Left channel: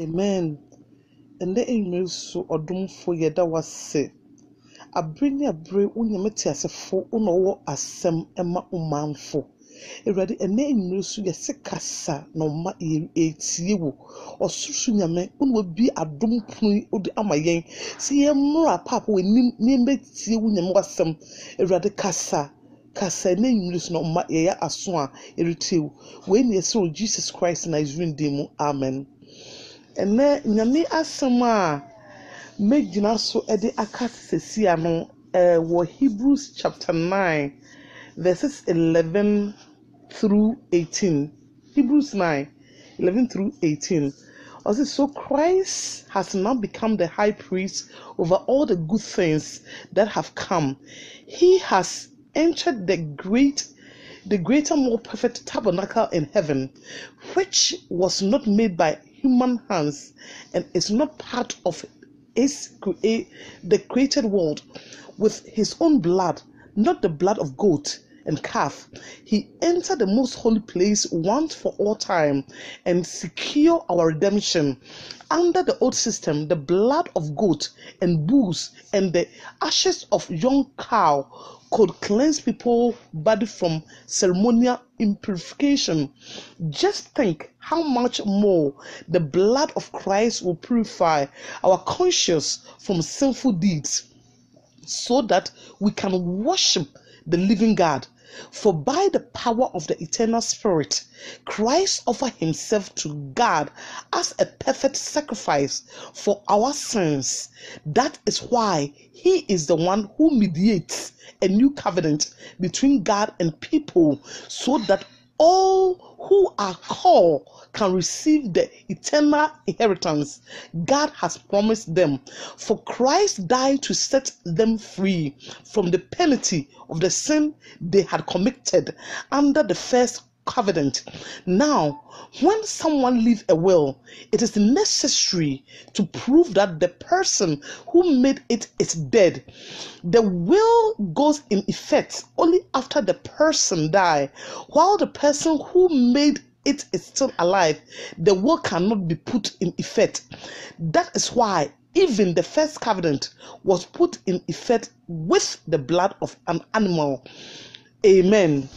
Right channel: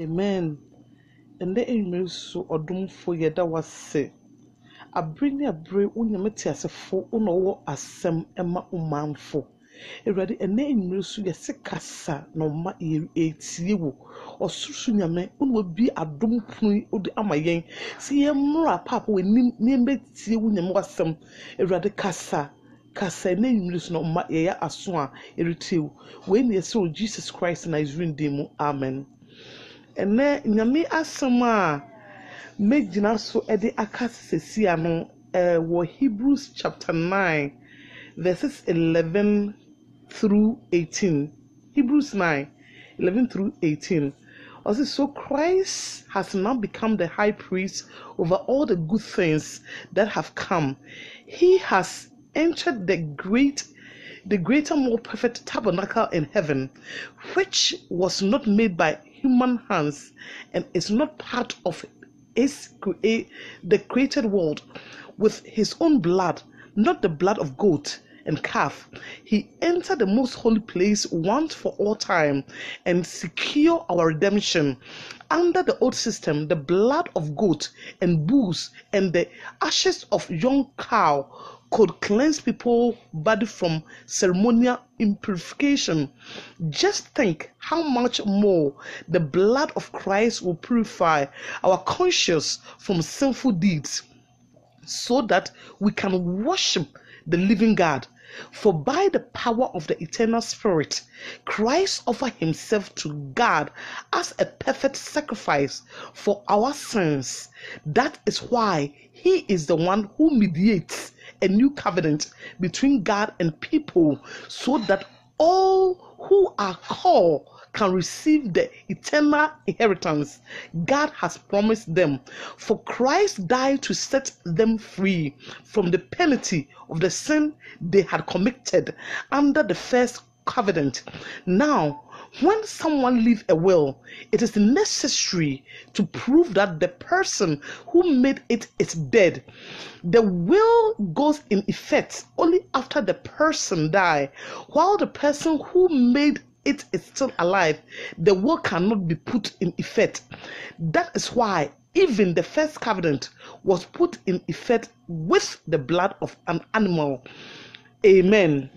Amen. And the email so or doom for ye that was say. A bring a brave unyamati as a foe uno as some Emma umanfo. Already a name rusu ya sekasa no ma ye or susunyame will be a doom pui or the amayen. See a more papa with nimbe tea unyam was some already casa. Kasa name rusu no ma ye aswa irritil. When ye saw Jesus Christ and his demo. Amen. And then nyame asama Medina so ede akase siano wo Hebrews chapter 9 verses 11 through 18. Hebrews 9:11 through 18. Also, so Christ has now become the high priest over all the good things that have come. He has entered the greater, more perfect tabernacle in heaven, which was not made by human hands and is not part of the created world. With his own blood, not the blood of goat and calf, he entered the most holy place once for all time and secure our redemption. Under the old system, the blood of goat and bulls and the ashes of young cow could cleanse people's body from ceremonial impurification. Just think how much more the blood of Christ will purify our conscience from sinful deeds, so that we can worship the living God. For by the power of the eternal Spirit, Christ offered himself to God as a perfect sacrifice for our sins. That is why he is the one who mediates a new covenant between God and people, so that all who are called can receive the eternal inheritance God has promised them. For Christ died to set them free from the penalty of the sin they had committed under the first covenant. Now, when someone leaves a will, it is necessary to prove that the person who made it is dead. The will goes in effect only after the person dies. While the person who made it is still alive, the will cannot be put in effect. That is why even the first covenant was put in effect with the blood of an animal. Amen.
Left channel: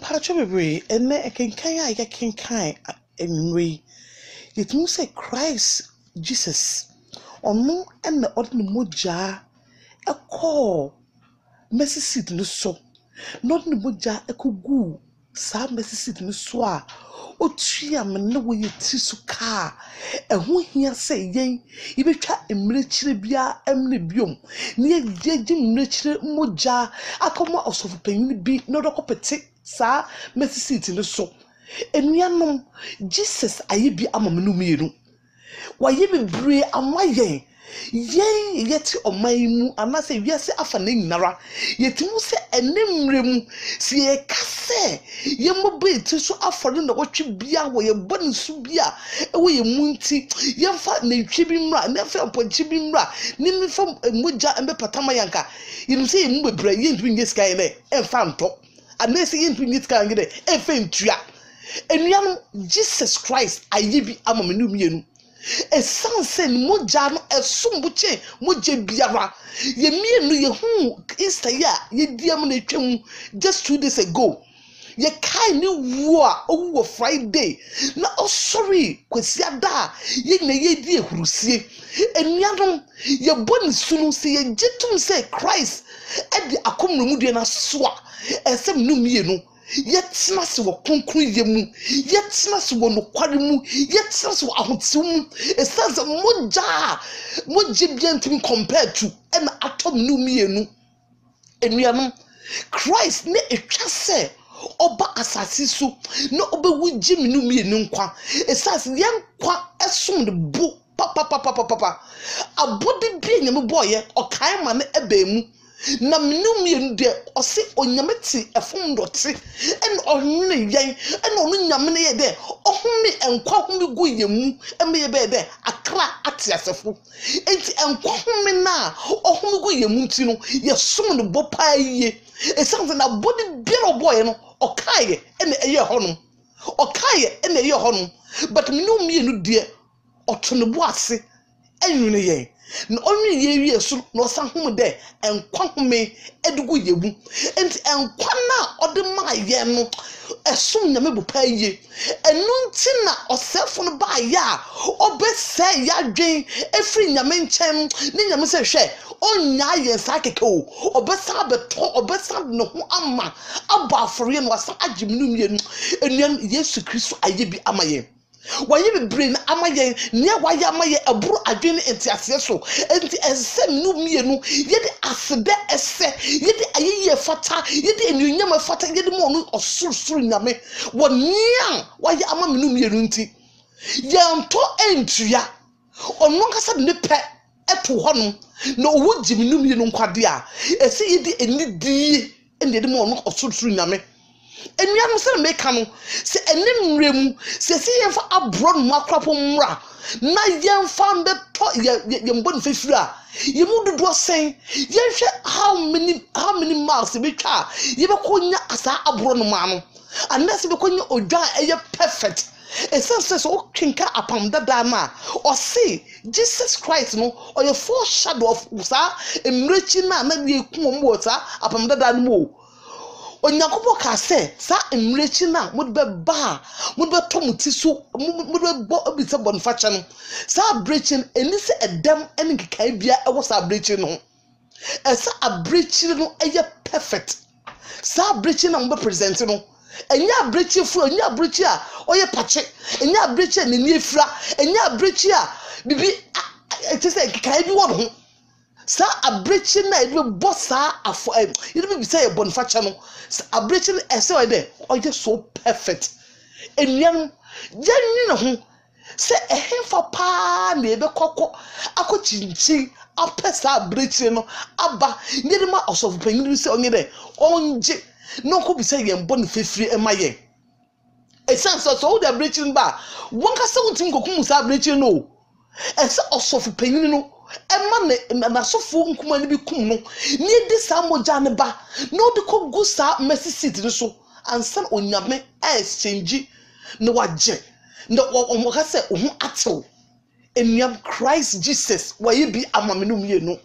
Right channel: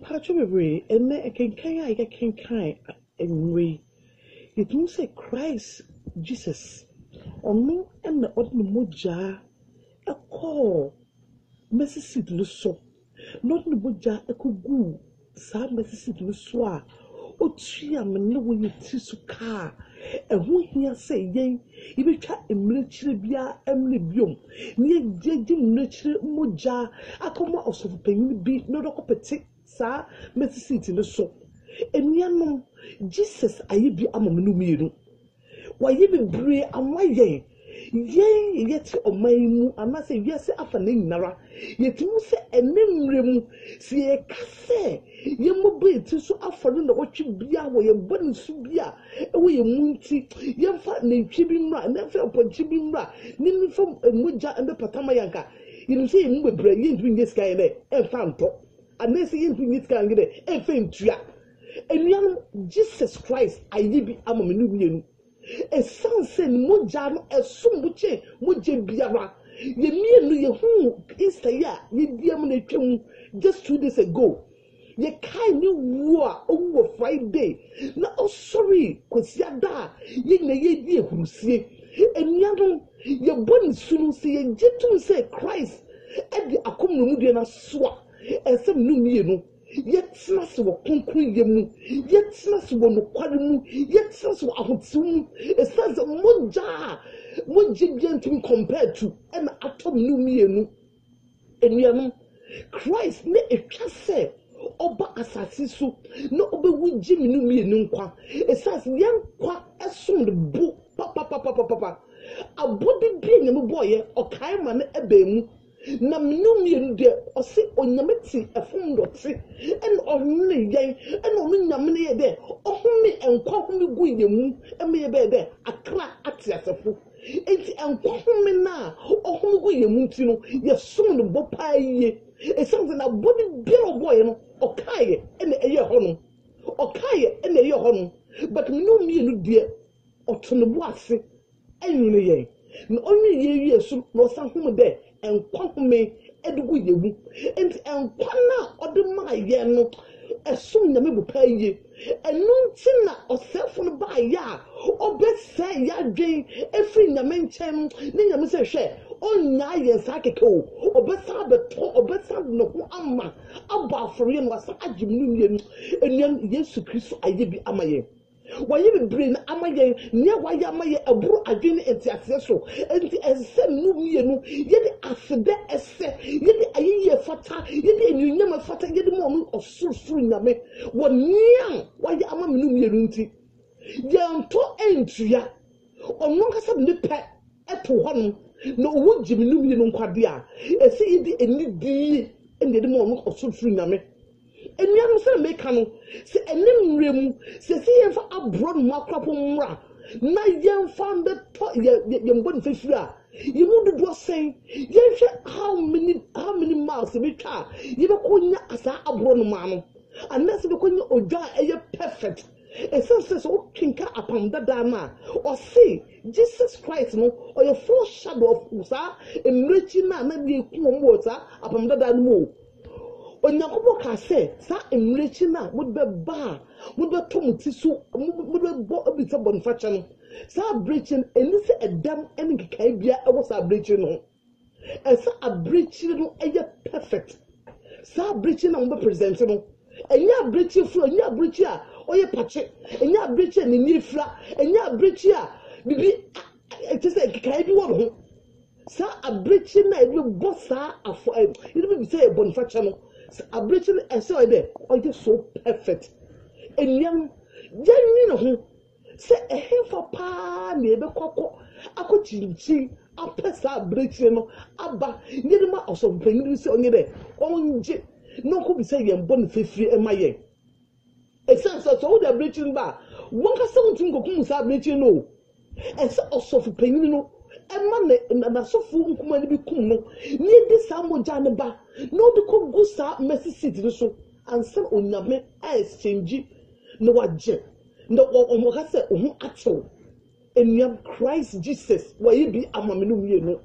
Patrick, and I can anyway. It means say Christ Jesus on no and the ordinary moja a call mercy seat no so not the moja a kugu sa mercy seat no so o tua me no we ti so car e ho hia say yen e betwa emrechire bia emne biom ne ye emrechire moja akoma osofu panyin bi no dokopete sa mercy seat no so enuanom Jesus ayebi amamenu mienu waye bebre amaye yen yeti omaimu anase wiase afa na nyinara yetimu se enemremu se ye kase ye mobeti so afore na wotwe bia wo ye boni su bia ewo ye munti ye fa na twe bi mra na fa ponchi bi mra ni mi fa moja embe patama yanka yinu se ye mu bebre ye ntumi nye sky ne e fa nto anase ye ntumi nye sky ngede e fa ntua enuanu Jesus Christ ayebi amamenu mienu esanse ni moja no esumbuche moje biara ye mienu ye hu Easter ya ye diam na twam just 2 days ago ye kai ni wo a owo Friday na sorry kwesi ada ye na ye di ehurusie enuanu ye boni sunu se ye jetum se Christ e di akomremu de na soa esem nu mienu yetna se wo konkru yemu yetna se wo nokware mu yetna se wo ahotew mu esanse moje biantim compared to and atom nu mienu enuanu Christ ne etwa se oba asasi so na obewu jimi nu mienu nkwa esanse yankwa esom de bo papa abode bi enyame boye okai ma ne ebemu na minum ye de ose onyameti efum dote en ohne yen en onu nyamene ye de ohumi enkwa humi gu yemu eme ye be de akra atiasefo enti enkwa humi na ohumi gu yemu ti no ye som no bopa ye esanze na body bi no boy no okaye en eye ho no okaye ene ye ho no but me no mienu de otono bo ase enwene ye no onwe ye wie so no sa hom de enkwa home edugu yebu enti enkwa na ode ma ye no esom na mebu pa ye enu nti na osefo no ba ya obese ya dwen efri nyame nkyem ne nyame se hwe onya ye sa keke o obesa beto obesa no ho ama aba afore no asa agimnum ye enuan Yesu Kristo aye bi amaye waye be brain amaye ne waye amaye aburu adwene entiase so enti esem no mienu yede asede ese yede ayiye fata yede enunyam fata yede mo no osurusuru nyame wonia waye amame no mienu nti yanto entua ono nkasa de pe eto hono na owo jimi no mienu nkwade a ese yede enidi ende de mo no osurusuru nyame enuanu se meka no se enimrem se yemfa abro no akrapo mra na yemfa mbeto yembon fefira yemu dodo sen yehwe how many miles betwa yebekonya asa abro no ma no anase bekonya odwa eye perfect essence so kinka apam dada na o say Jesus Christ no or a foreshadow of usa emrechi na ye kum mo ta apam dada no mo onyakobo ka se sa emrechi na mudbe ba mudbe tomuti so mudbe bo obise bonfacha no sa breaching eni se edem eni kikai bia e wo sa breaching no esa abreaching no eye perfect sa breaching na mbe present no enya breaching fu enya breaching a oye pache enya breaching ni efra enya breaching a bibi ete se kikai bi wo no sa abreaching na ebe bossa afo ebe bi say bonfacha no abreaching ese we dey oye so perfect enuan janni na ho se ehemfa pa na ebe kokko akochinchi apesa abreaching no aba nyedema osofu panyin se onye dey onje no ko bi say yembo no fefiri emaye essence so the abreaching ba wonka se wontim kokum sa abreaching no ese osofu panyin no ema na sofo nkuma ne bi kum no ni di sa moja ne ba no de ko gu sa mercy seat ne so ansan onyame exchange no waje no o ka se ohun atew enuam Christ Jesus waye bi amame no mienu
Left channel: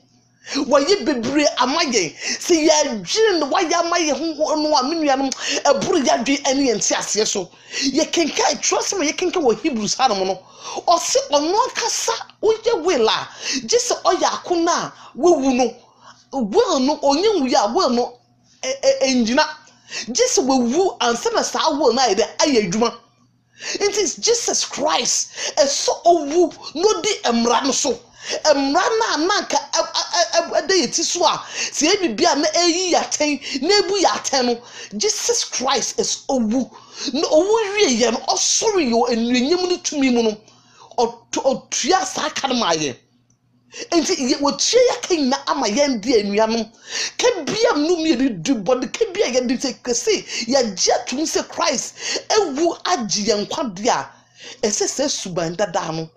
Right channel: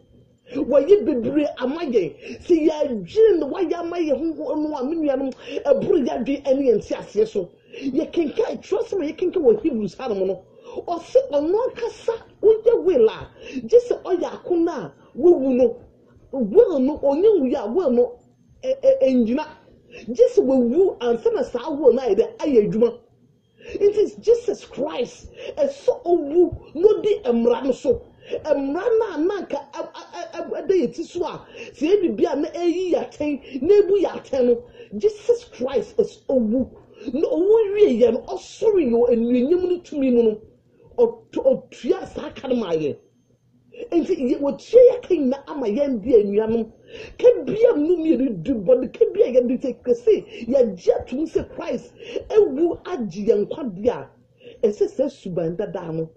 waye bebre amaye se ya dwin no waye amaye ho no amenuanom eburu ya dwi ene enti ase so ye kenka trust me ye kenka wo Hebrews hanom no o se ono kasa oye wela jise oya akuna wewu no will no onye wu ya will no enjina jise wewu ansa na sa will na ide ayadwuma. It is Jesus Christ so owu no di emra no so emra na nanka ade yeti so a se bibia na eyi yaten na ebu yaten no Jesus Christ is owu no owu wie ye no osoro yo enunyem no tumi mu no otua sa kanmaye enti ye wotua yakan na amaye ndi enuanom ka bia no me du body ka bia ye de se ya gya tum se Christ ewu agi ye nkwade a ese suban dada no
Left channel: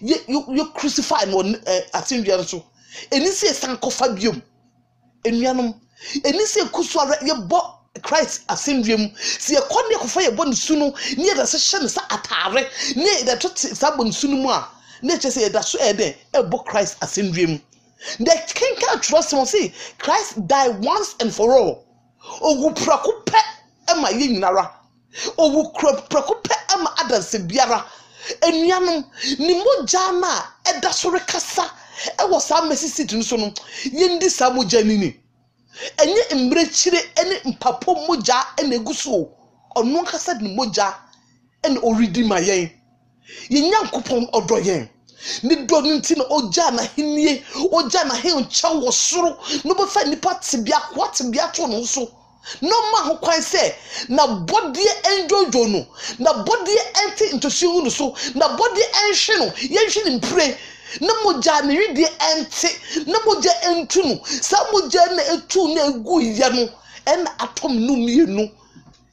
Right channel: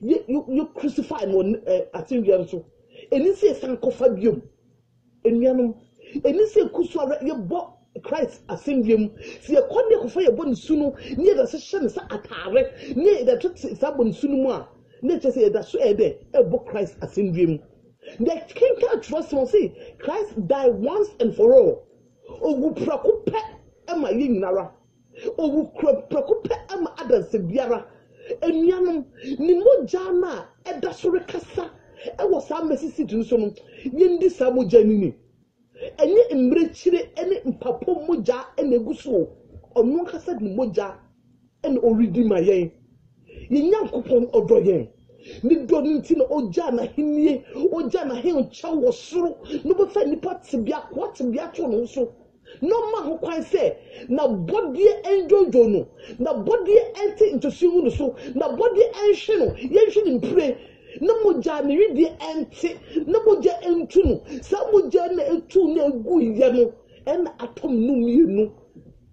you crucify no asenduan so eni se sankofa biom enuanom eni se kusuara ye bo Christ asenduam se ye konne kofa ye bo nsu no ne da se hye ne sa atare ne da to sa bo nsu no mu a ne che se da so ede ebo Christ asenduam the king can trust him say Christ died once and for all ogu prako pe ema ye nyinara ogu prako pe ema adanse biara enuanom ni moja na eda so rekasa e wo sa mesisi tun so no ye ndi sa moja nini enye embrechire ene mpapo moja ene guso ono kasa ni moja ene oridi mayen ye nyankopon odoyen ni do nti na oja na henie oja na he ncha wo soro no be fa nipa tibia kwatibia to no so no ma ho kwan se na body enjojo no na body enti into siwu no so na body enhwe no ye nhwe ni mpre na moja na hwede enti na moja entu no sa moja na etu na egu ye no en atom no mienu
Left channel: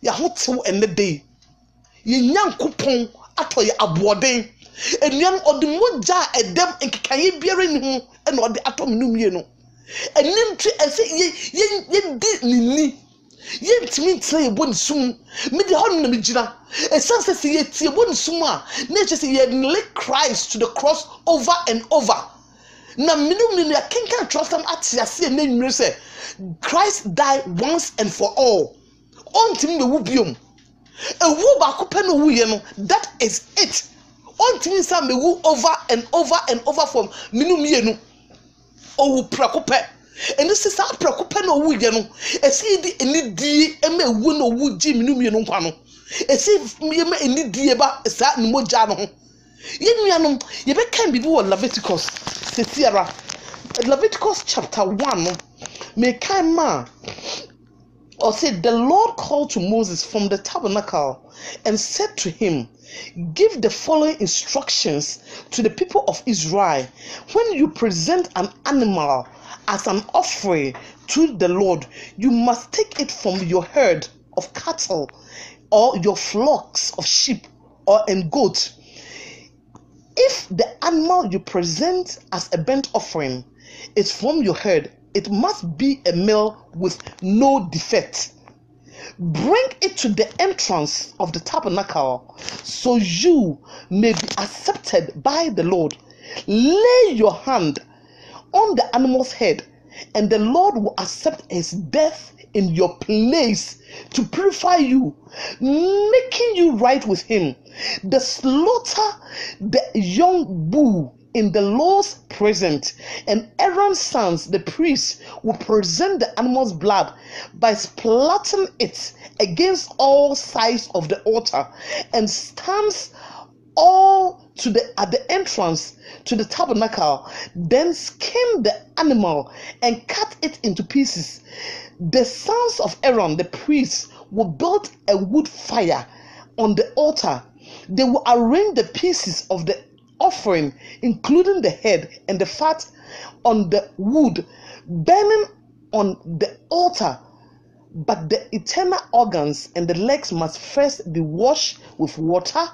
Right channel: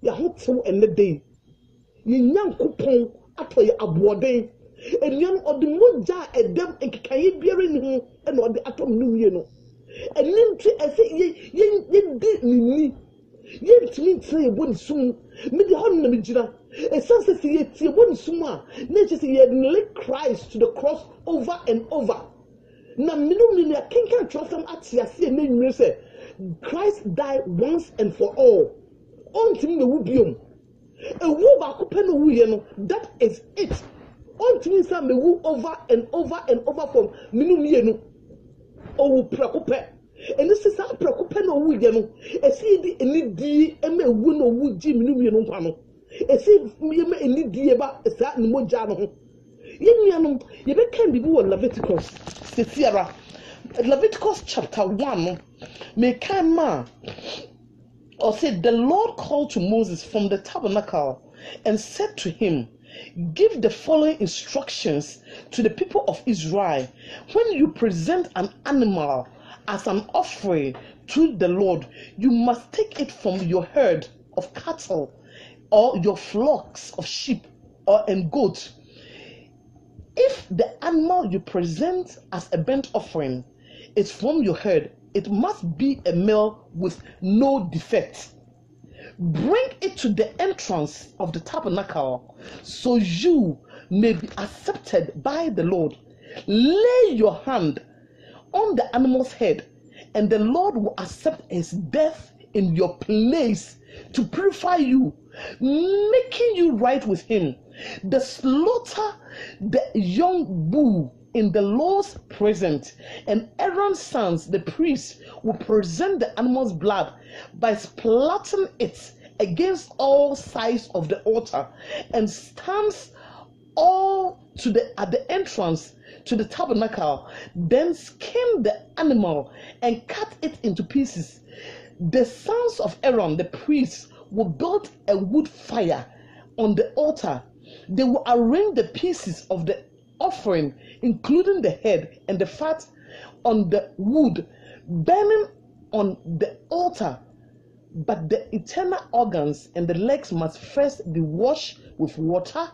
ya hotew enne dey ye nyankopon atoye aboden enuan odi moja edem nkikaye biara ni ho ena odi atom no mienu enim twi ese ye di nini Yentimi ntena ye boni sum me de hon na me gina e sense se ye tie boni sum a na che se ye link Christ to the cross over and over na minimum na kenkan trust am atiase na nwure se Christ died once and for all ontimi me wu biom ewu ba ko pe no wu ye no that is it ontimi sa me wu over and over and over from minimum ye no owu prako pe. And this is our preoccupation no wu ye no esi di eni die ema ewu no wu ji minum ye no nkwa no esi ye ma eni die ba sa ni moja no ho ye nuanom ye be kan bibi wo Leviticus sesiara Leviticus chapter 1 no me kan ma or said the Lord called to Moses from the tabernacle and said to him, give the following instructions to the people of Israel. When you present an animal as an offering to the Lord, you must take it from your herd of cattle or your flocks of sheep or and goats. If the animal you present as a burnt offering is from your herd, it must be a male with no defect. Bring it to the entrance of the tabernacle so you may be accepted by the Lord. Lay your hand on the animal's head, and the Lord will accept his death in your place to purify you, making you right with him. The slaughter the young bull in the Lord's presence, and Aaron's sons, the priests, will present the animal's blood by splattering it against all sides of the altar, and stands all at the entrance to the tabernacle. Then skin the animal and cut it into pieces. The sons of Aaron, the priests, will build a wood fire on the altar. They will arrange the pieces of the offering, including the head and the fat, on the wood burning on the altar. But the internal organs and the legs must first be washed with water.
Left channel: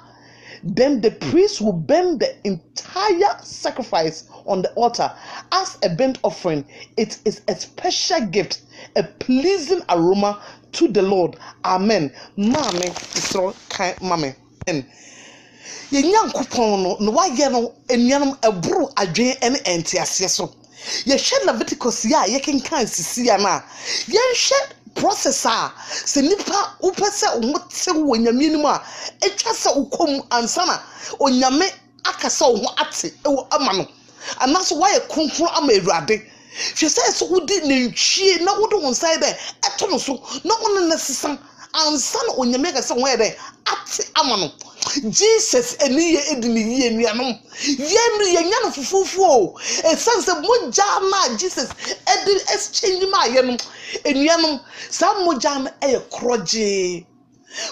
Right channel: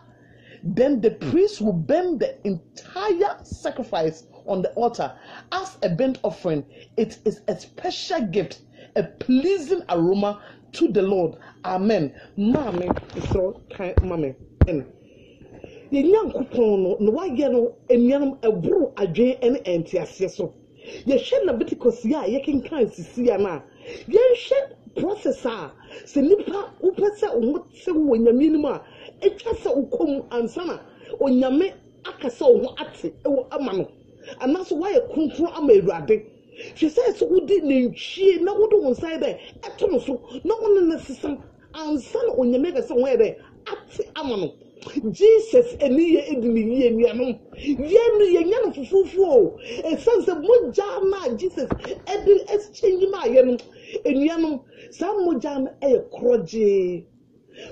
Then the priest will burn the entire sacrifice on the altar as a burnt offering. It is a special gift, a pleasing aroma to the Lord. Amen. Maame isro kan mame en Yanyankopon no wayɛ no enuanom eburu adwen ene entiase so. Ye hwɛ Leviticus ya ye kenkan sisi ya na. Ye hwɛ processor se nipa upese omote wo nyame nimu a etwa se ukom ansana onyame akasa wo ate ewo ama no anaso wayɛ konkro ama Awurade hwɛ sɛ so wodi nantwie na wodi wo nsai dɛ ɛto no so na wo ne sesam ansana onyame akasa wo yɛ dɛ ate ama no Jesus eniye edini ye nuanom yenu ye nya no fufufu esanse moja na Jesus edi exchange ma ye no enuanom sa moja na kroje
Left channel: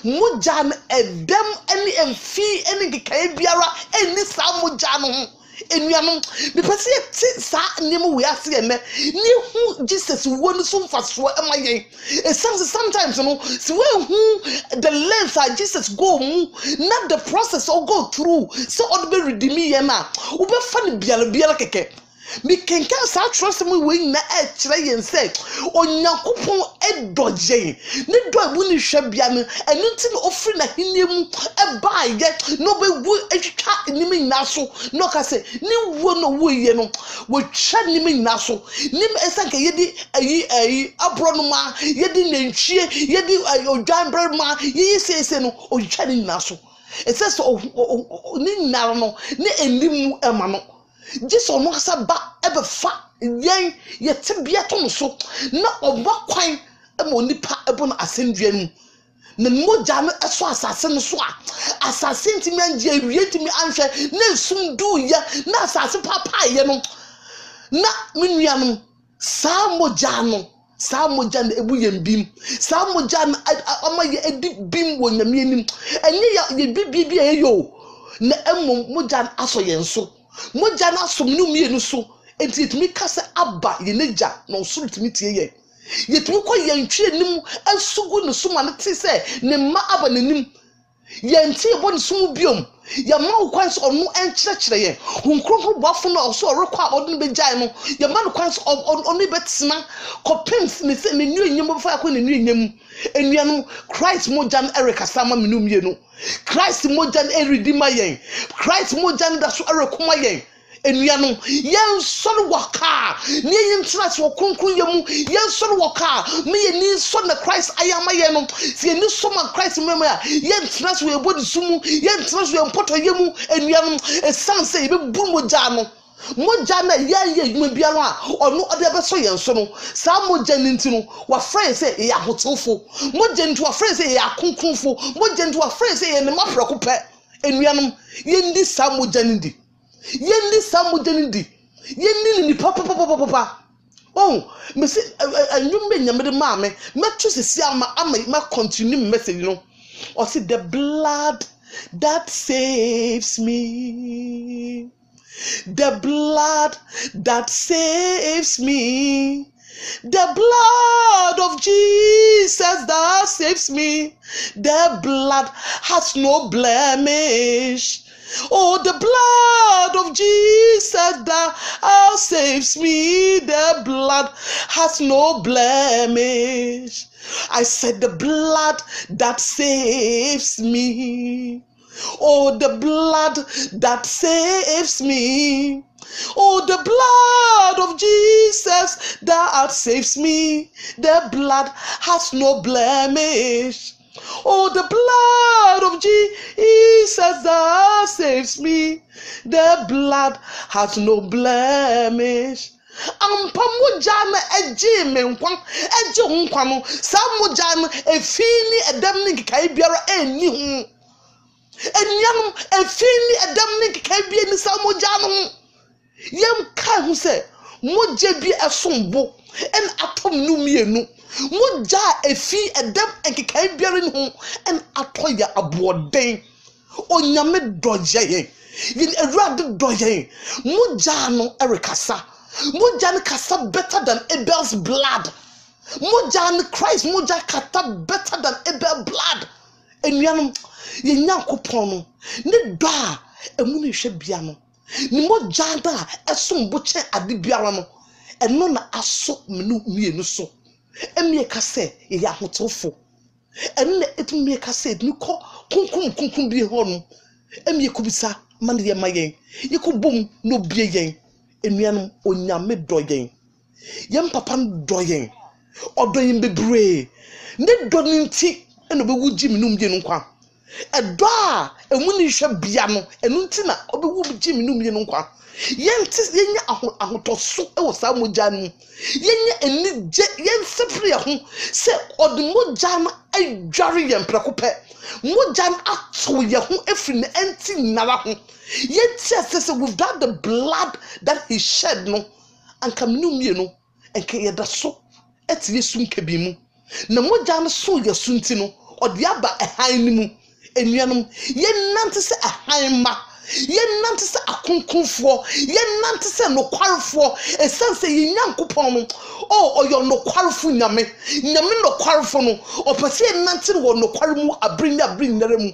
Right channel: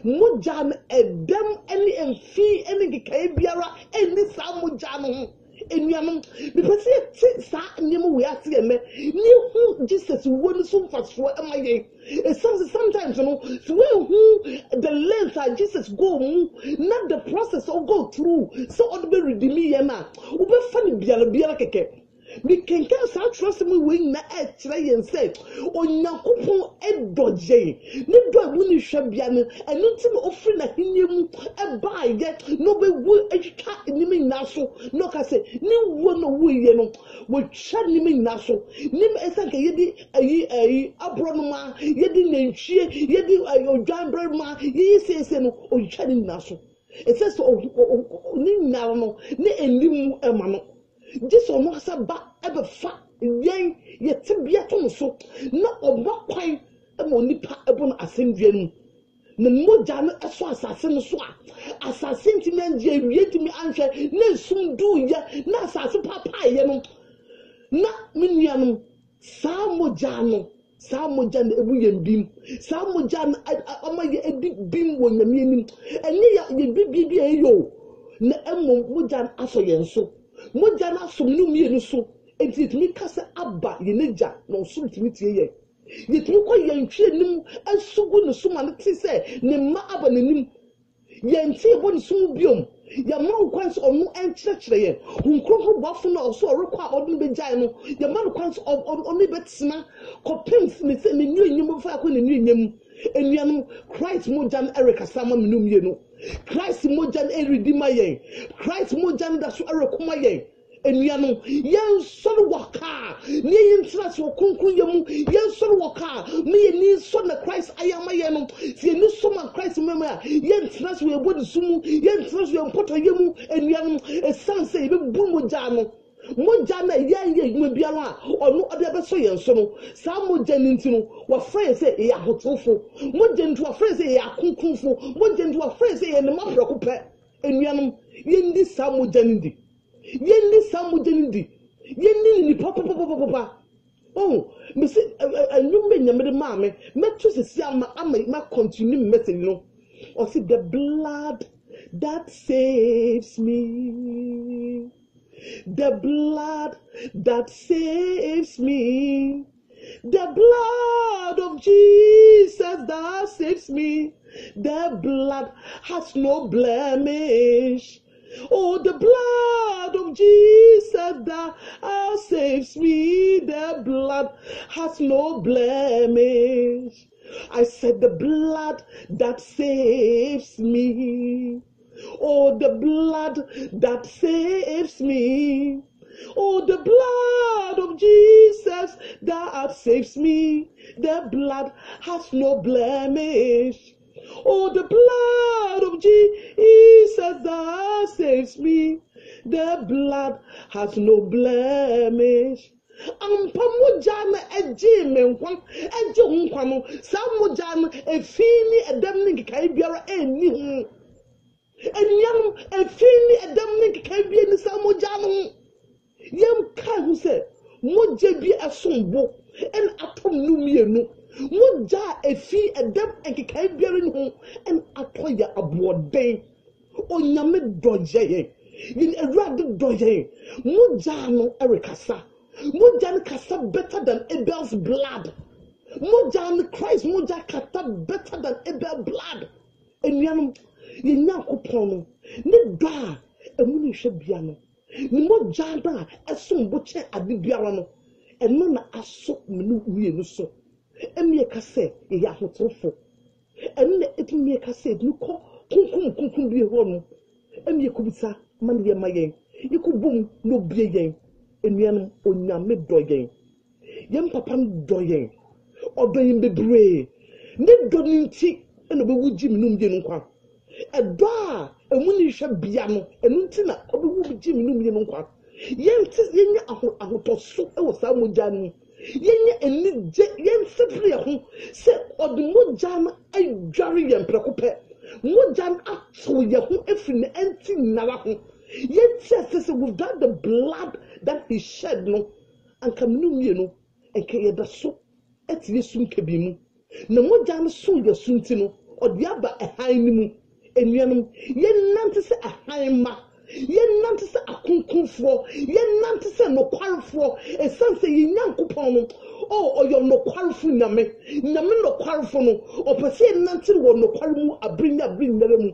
moja na edem eni emfi eni gikae biara eni sa moja no ho enuanom me pese ti sa nemu we ase ene ni hu Jesus wonu so mfaso emaye esanse sometimes no si we hu the length that Jesus go mu not the process or go through so od be redeem ye na wo be fa ne biara keke me kenka sa trust me we na e kire yen say onyankopon edoje ne do abu ni hwe bia no enu nti no ofri na hiniemu e ba ye no be wu etwa nimi naso no ka say ni wo no wo ye no wo twa nimi naso nim esanka yedi ayi abro no ma yedi nantwie yedi odwan bre ma yi sese no o twa ni naso it says ni nar no ne enimu ema no Jesus no asaba ebe fa yen yetebia to no so na oba kwan e mo nipa ebo no asendua nu na moja no eso asase no so a asase ntimi anje awie ntimi anhwe na sum du ye na asase papa ye no na menua no sa moja na ebu yembim sa moja na ama ye edi bim wo nyame anim enye ye bibia ye yo na emo moja na aso ye nso moja na somnu mienu so enti etumi kase aba ye neja na osuru tumi tie ye yetumi ko ye ntwe nim asugu no suma ne te se ne ma aba nanim ye nti ebo ne sum biom ya ma ukwan so onu enkyerɛkyerɛ ye hunkronkro boafo no so rekwa odun be gyae no ya ma no kwan so onu betena kopems ne se ne nu enyem fa ko ne nu enyem Enuanu Christ mojan Erika sama minum yenu. Christ mojan eridima yen. Christ mojan daso erekoma yen. Enuanu yen soro waka ne yen trust wo kronkron yemu yen soro waka me yen ni so na Christ ayama yen no se yen so man Christ mema ya yen trust we body sumu yen trust we mpoto yemu enuanu esanse ebe bu moja no moja na ye yuma bia no a ono ode be so yen so no sa moja ninti no wa friend say e ahotofo moja nti wa friend say e akonkonfo moja nti wa friend say e ne maprako pe enuanu yen di sa moja nindi yendi samujenindi yendi ni papa oh me say anwumbe nyamede maame metu sisi ama ma continue message no or see the blood that saves me, the blood that saves me, the blood of Jesus that saves me, the blood has no blemish. Oh, the blood of Jesus that saves me, the blood has no blemish. I said the blood that saves me. Oh, the blood that saves me. Oh, the blood of Jesus that saves me, the blood has no blemish. Oh, the blood of Jesus that saves me, the blood has no blemish. Ampamujana eji menkwan eji nkwano samujana efini edam ni kai biara eni hu enyanum efini edam ni kai bia ni samujana hu yem kai hu se moje bi esombo en atom nu mienu moja efi edam enkikai biara ni hu en atoya aboden onyame doje yin erade doje moja no erikasa moja no kasa better than Abel's blood. Moja no Christ moja kata better than Abel's blood. Enuanum ye nyankopon no ne do a emu ne hwe bia no ne moja da esombo che ade biara no eno na aso menu mienu so emie ka se ye ahotofo enne etumi ka se ni ko kunkum bi ho no emie kubisa mane ye mayen ye ko bom no bie yen enuanum onyame doyen yem papa doyen odoyin bebre ne do nti eno be wuji minum ye nkwa edo a emu ni hwe bia no enu nti na obe wuji minum ye nkwa yenti yenya ahotoso e wo sa moja no yenya eni je yen sepre ho se ode moja no adware yen prekope moja no ato ye ho efri ne enti nara ho yenti asese without the blood that he shed no anka minum ye no enke ye da so eti yesu nkabi mu na moja no so yesu nti no ode aba ehan ni mu enuanum yen nante se ehan ma yen nante se akonkonfo yen nante se nokwarefo esense yen nyankopon no oyo nokwarefo nyame nokwarefo no opese yen nante wo nokware mu abrin nare mu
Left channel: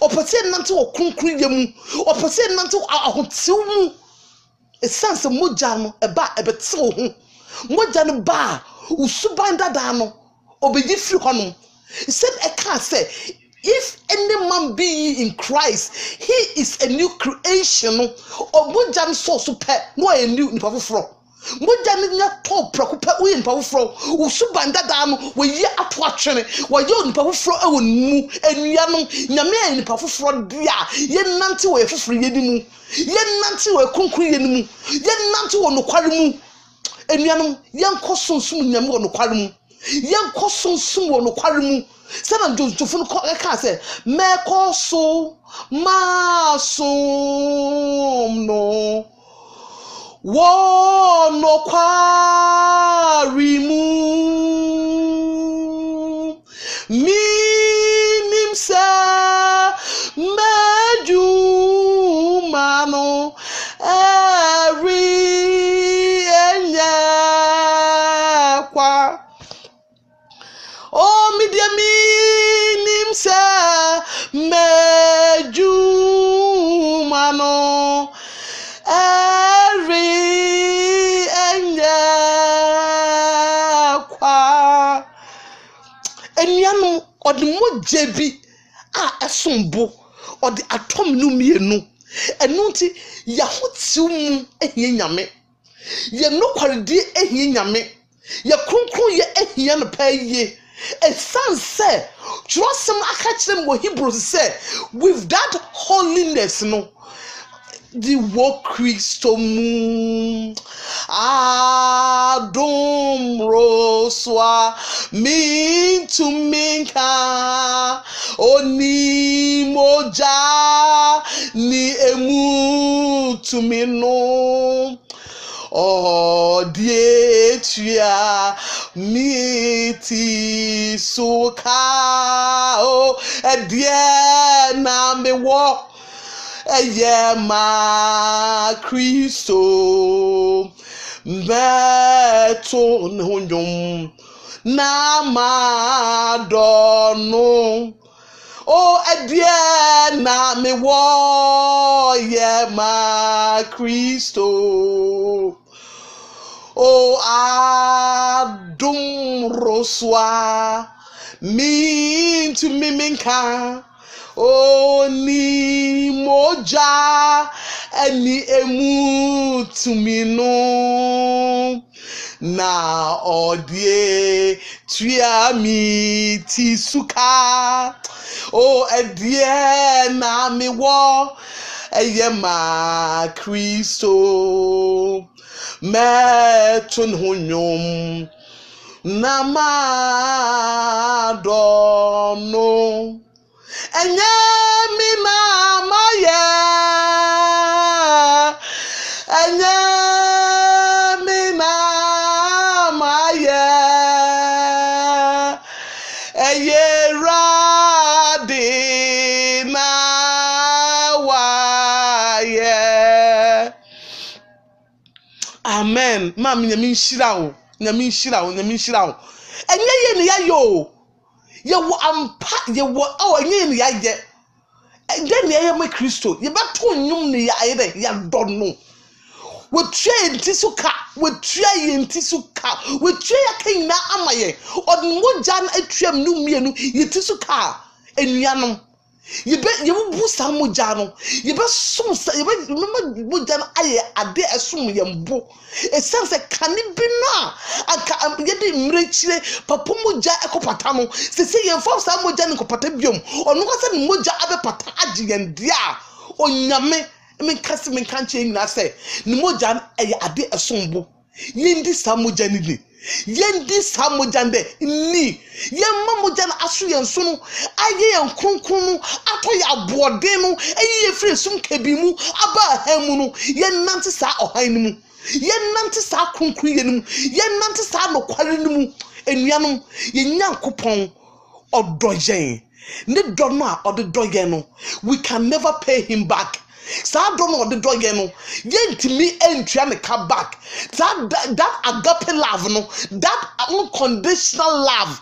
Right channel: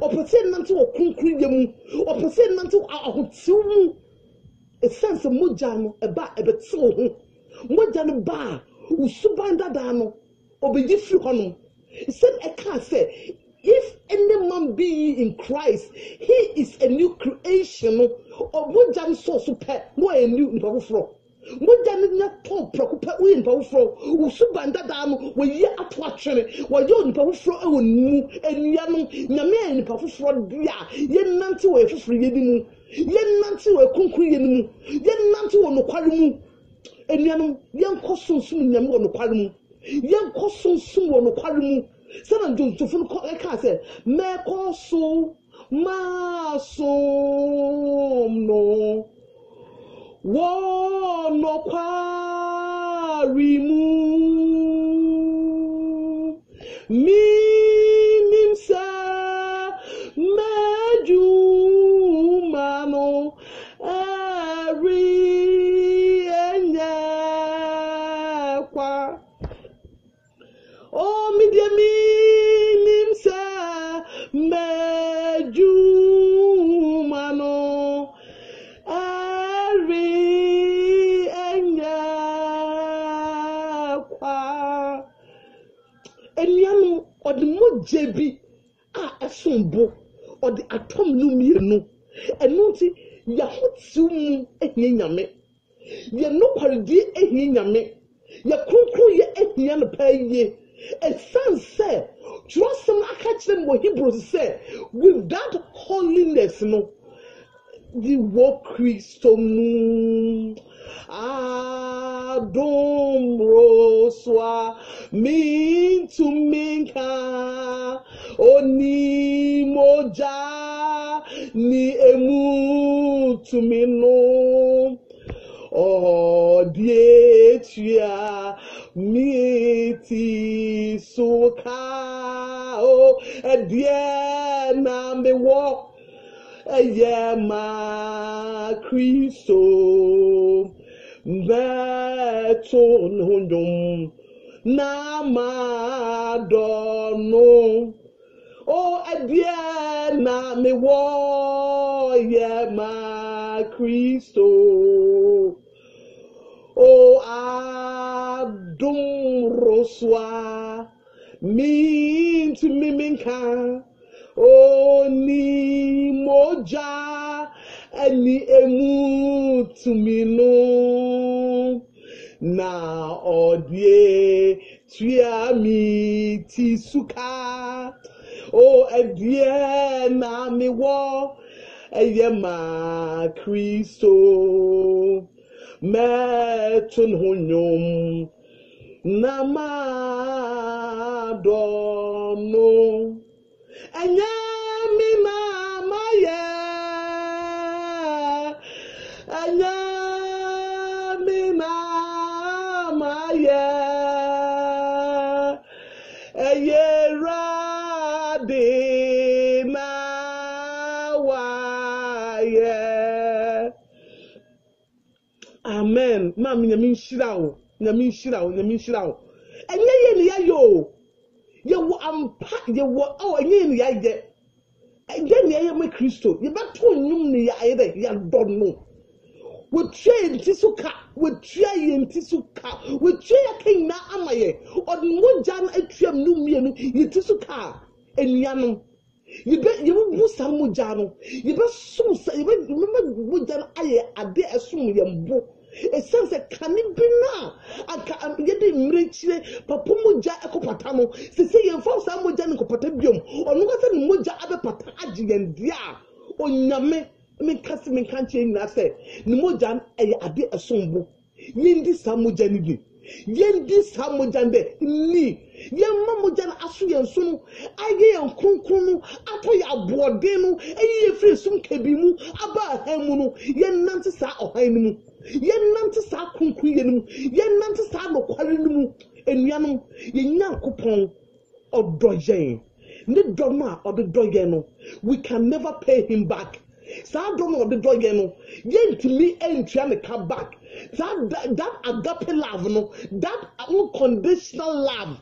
opese yen nante wo kronkron ye mu opese yen nante ahotew mu esense moja no eba ebete wo ho moja no ba usuban dada no obeyi firi hono said I can't say if any man be in Christ, he is a new creation. Or mojan so super, no a new nipa fro. Mojan nya top preocupa we nipa fro. Usubanda dam we ye atwatwene. Wa yo nipa fro e wonu enuanom nyame nipa fro dia. Ye nante we foforo ye di mu. Ye nante we konkru ye ni mu. Ye nante wo nokware mu. Enuanom yenko sonsum nyame wo nokware mu. Yenko sonsum wo nokware mu. Sana jofun ko ka say me ko so ma sum no wo no kwari mu minim sa meju mano every enya kwa oh mi dia minim sa meju mano every enya jebi a esombo or the atom no mienu enunti ya hotiu mu ehie nyame ye no kwaredi ehie nyame ye kronkron ye ehie no paye esanse trusem akachire mo Hebrews say with that holiness no the work Christo mu adum roswa min to minka oni moja ni emu to mino oh die tua miti suka oh edie na me wo eye ma Christo beto nhonyum na ma dono oh edie na me wo ye ma Christo oh adum roswa min to miminka oh ni moja eni emu to me no na odie tua mi ti suka oh edie na me wo eye ma Christo metun hunyum na ma dono enye mi mama ye enye mi mama ye eye radi na wa ye amen mama nyami nshira o nyami nshira o enye ye ne ya yo ye wo ampa ye wo oh enye ne ya ye then ye ma Christo ye beto nyum ne ya ye ya dono we tue ntisuka we tue ye ntisuka we tue ya kan na amaye odmoja na atuam no mienu ye tisuka enuanom ye bu sa moja no ye be sum sa ye be moja na aye ade esum ye mbo esense kane bi no aka ye de mrechire papa moja ekopata no se ye fo sa moja ne kopata biom onu ka se moja abe pata age ye ndia onyame me kase me kanche nyina se ne moja na aye ade esumbo ye ndi sa moja ni yendi samojande ni yemma moja na aso yenso no aye yenkronkron ato ya boode no eye free sum kabimu aba hamu no yennante sa ohan ni mu yennante sa kronkron ye ni mu yennante sa no kware ni mu enuanom yenyankopon odoyen ne do no a odoyen no we can never pay him back. Sa don't know the dog no yentimi entua me ka back that agape love no that unconditional love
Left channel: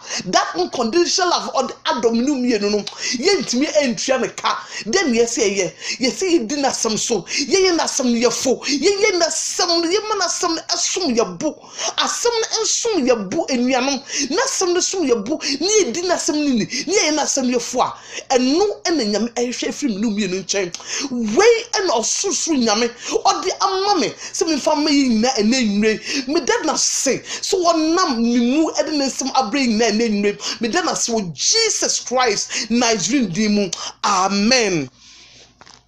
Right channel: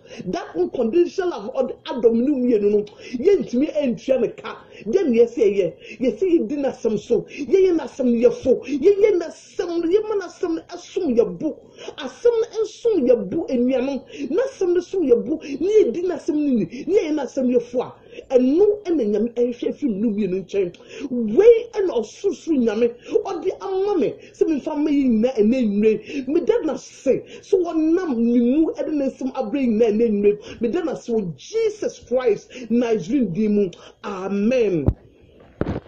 on the adominu mienu no yentimi entua me ka then ye say ye di na sam so ye na sam ye fo ye na sam ye mana sam asum ye bu asam ensum ye bu enuanom na sam sum ye bu ni di na sam ni ye na sam ye fo a enu enanyam ehwe firi mu mienu nchen we and osusu nyame odi amame se me fam yi na enenwe me dad na say so wonam mimu edenesem abre na enenwe me dad na say Jesus Christ Nigerian dimu amen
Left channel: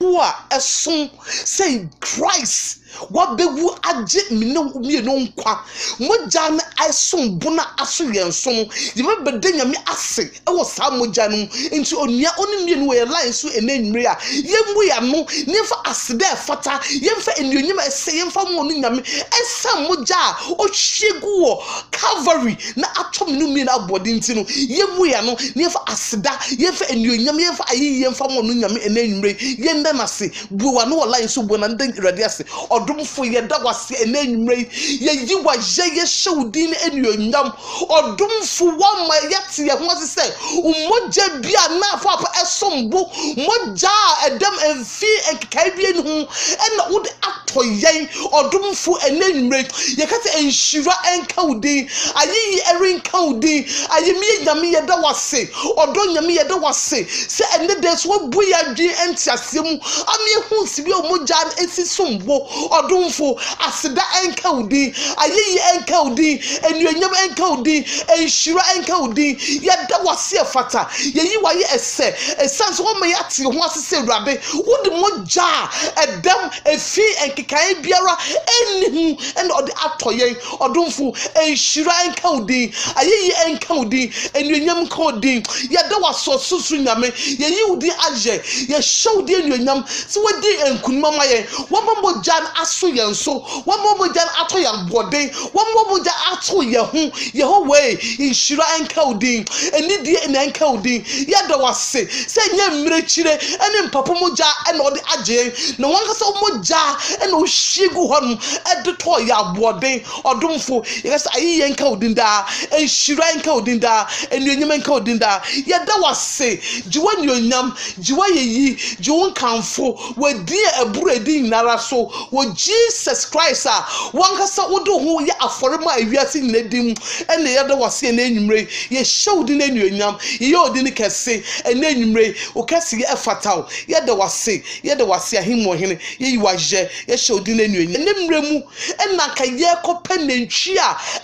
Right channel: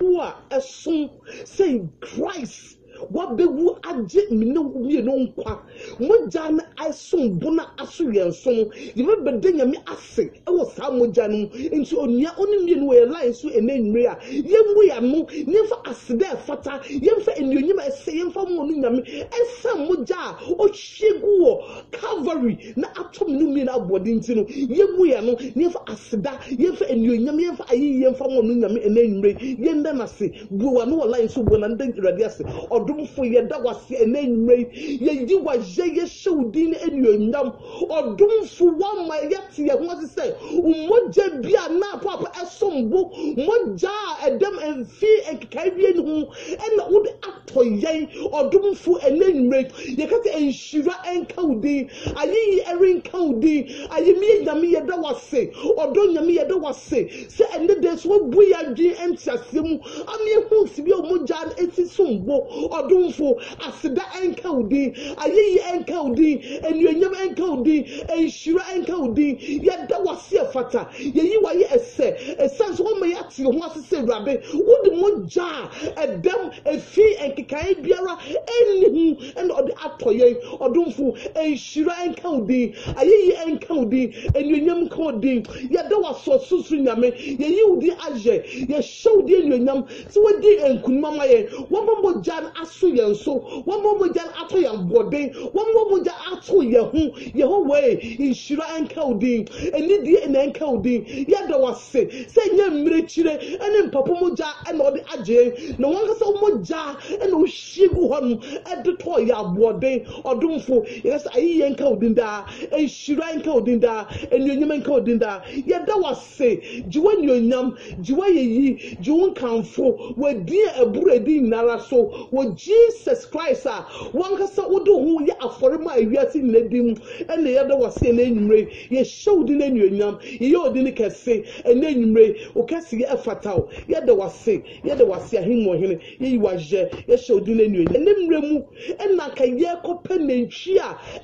wa esun say Christ what be wu aje mi no nkwa moja na asun bona aso yenso ye me bede nyame ase e wo sa moja no nti onua oni mienu we line so enenwre a yembu ya no nefa asede fata yemfa enuonyam ese yemfa mo no nyame esa moja o hwegu wo Calvary na atom no mienu abode nti no yembu ya no nefa aseda yemfa enuonyam yemfa ayi yemfa mo no nyame enenwre yenda na se buwa no line so buwa na ndan irade ase odumfo ye da wase enenwre ye yiwa ye shewdin enuonyam odumfo wa ma yete ye ho se umoja bia na afo apa esombo moja edem emfi enkai bia nu hu ena wo atoyen odomfo enenwre yekase enhyira enka udin ayi erinka udin ayemi nyame yeda wase odo nyame yeda wase se ene de so bu ya dwen entiasem ami hu sibi omogya esisombo odomfo aseda enka udin ayi enka udin enuonyam enka udin enhyira enka udin yeda wase fata yeyi waye ese esanso wo me yate ho asese urade wodi mogya edem efi enkekai biara enihu ene ode atoyen odomfo enhyira enka udin ayi enka udin enuonyam enka udin yeda waso susu nyame yeyi udi aje ye showdi enuonyam se wodi enkunma maye wombo jan aso yenso wombo jan ato yan bode wombo jan ato ye ho way enhyira enka udin enidi enka udin yeda wase se nya mmerechire ene mpapo mogya ene ode aje na wankasa mogya ene o hyiegu honum edeto ya bode odomfo yesa ayi enka udin da enhyira enka udin da enuonyam enka udin da yeda wase jiwa enuonyam jiwa yeyi jiwon kanfo wadi eburu edi nara so wo Jesus Christ wankasa wodo ho ye aforema awiase nedim ene yeda wase na enwumre ye showdi na enuonyam ye odini kese ene enwumre o kese ye efataw yeda wase ahimo hene ye yiwaje ye showdi na enuonyam ene mremu ena ka ye kopenantwi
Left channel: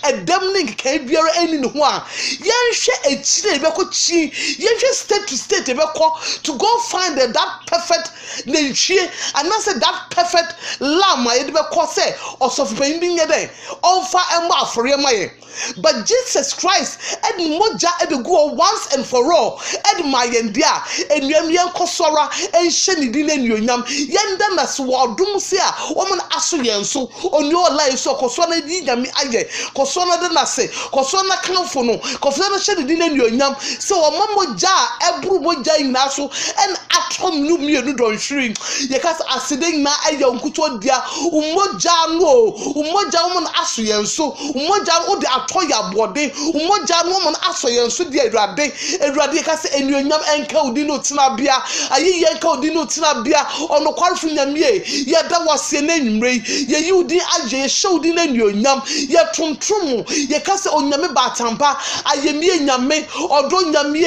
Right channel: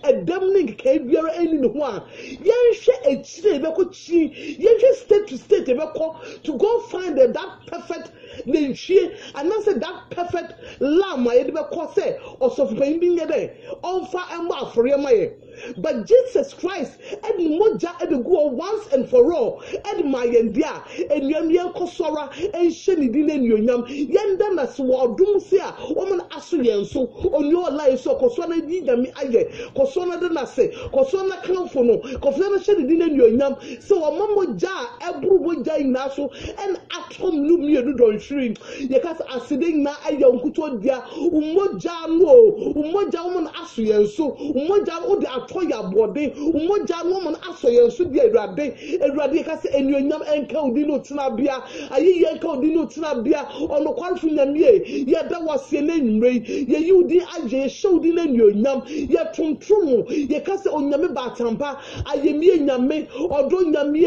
edem ne nka biara eni ne ho a ye hwe echire be ko chi ye hwe state to state be ko to go find that perfect nantwie and say that perfect lamb ye be ko say osofu ben bi nye dey onfa ema afore maye but Jesus Christ ed moja ed go once and for all ed mayendia enuam yen kosora enhye ni di na enuonyam yenda na so odum se a woman aso yen so oni olai so koso na di nyame aye koso na de na se koso na kanfo no koso na hye ni di na enuonyam se wo moja ebru moja ina so en atom nu mienu don hwiri ye kas asiden na aye onkuto dia umoja no umoja woman aso yen so umoja wo de atoya bode umoja no woman aso yen so de awurade kas enuonyam enka udi no tena bia ayi enka udi no tena bia ono kwarfu nyame ye da wase na nwumre ye yudi aje showdi na enuonyam ye tontom ye kas onyame batampa ayemie nyame odo nyame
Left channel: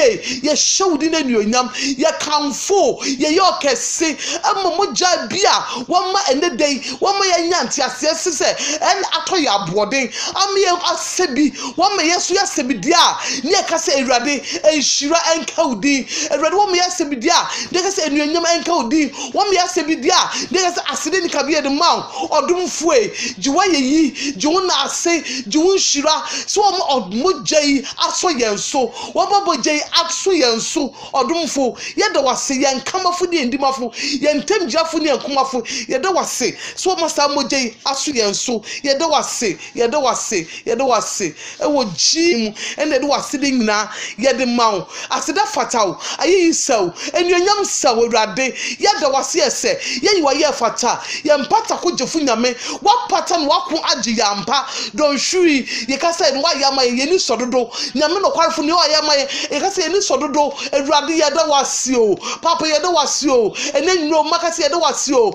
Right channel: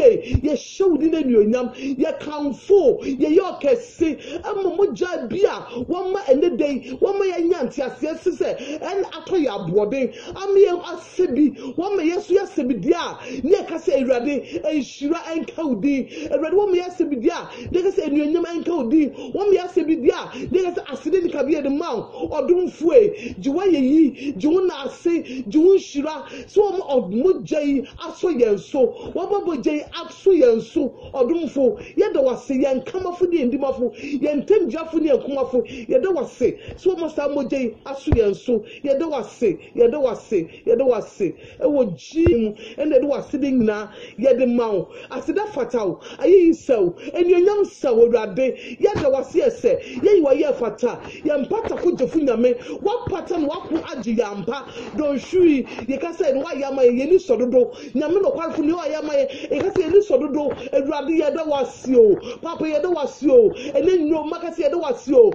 ye showdi na enuonyam ye kanfo ye yokese ammoja bia wama ene dey wama ye nyanti asese se en atoya bode amye asebi wama yesu yasebi dia ne kase awurade enhyira enka udi awurade wama yasebi dia ne kase enuonyam enka udi wama yasebi dia ne kase asede ni kabie de maw odomfue jiwa yeyi jiwona ase jiwon hyira so wama odmoja yi aso yenso wama boja yi aso yenso odomfo yeda wase yen kamafo de ndimafo yen temjafo ne enkomafo yeda wase so wama sa moja yi aso yenso yeda wase ewo jim ene de wase de nyina yede maw aseda fataw ayi saw enuonyam saw awurade yeda wase ese yeyi wa ye fata ye mpata ko jefu nyame wa pata no wako age yampa don hwiri ye ka say no wa yama ye ni sododo nyame no kwarfo ne wa yama ye ka say ni sododo awurade yeda wase o papa yeda wase o ene nyino makase yeda wase o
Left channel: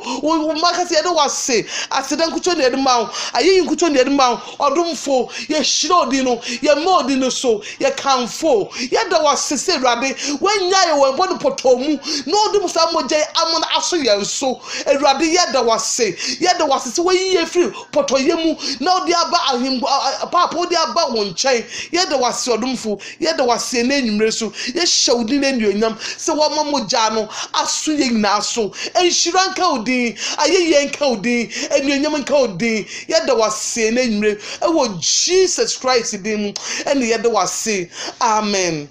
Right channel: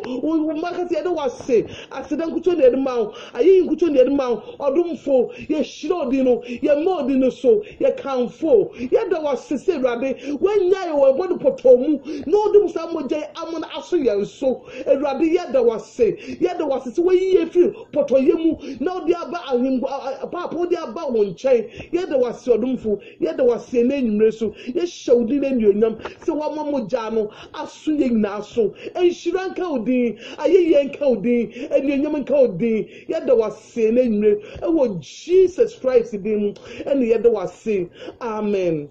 makase yeda wase aseda nkucho ne de maw ayi nkucho ne de maw odomfo ye shiro di no ye modi no so ye kanfo yeda wase se awurade wanya ye wo bodo potomu no odum sa moje amona aso ye so awurade yeda wase se we ye free potoyemu na odi aba ahimbo papa odi aba wonchen yeda wase odomfo yeda wase na enwumre so ye shawdi na enuonyam se wo mamoja no aso ye nyina so enhyira nka odi ayeye nka odi enuonyam nka odi yeda wase na enwumre ewo Jesus Christ din ene yeda wase amen.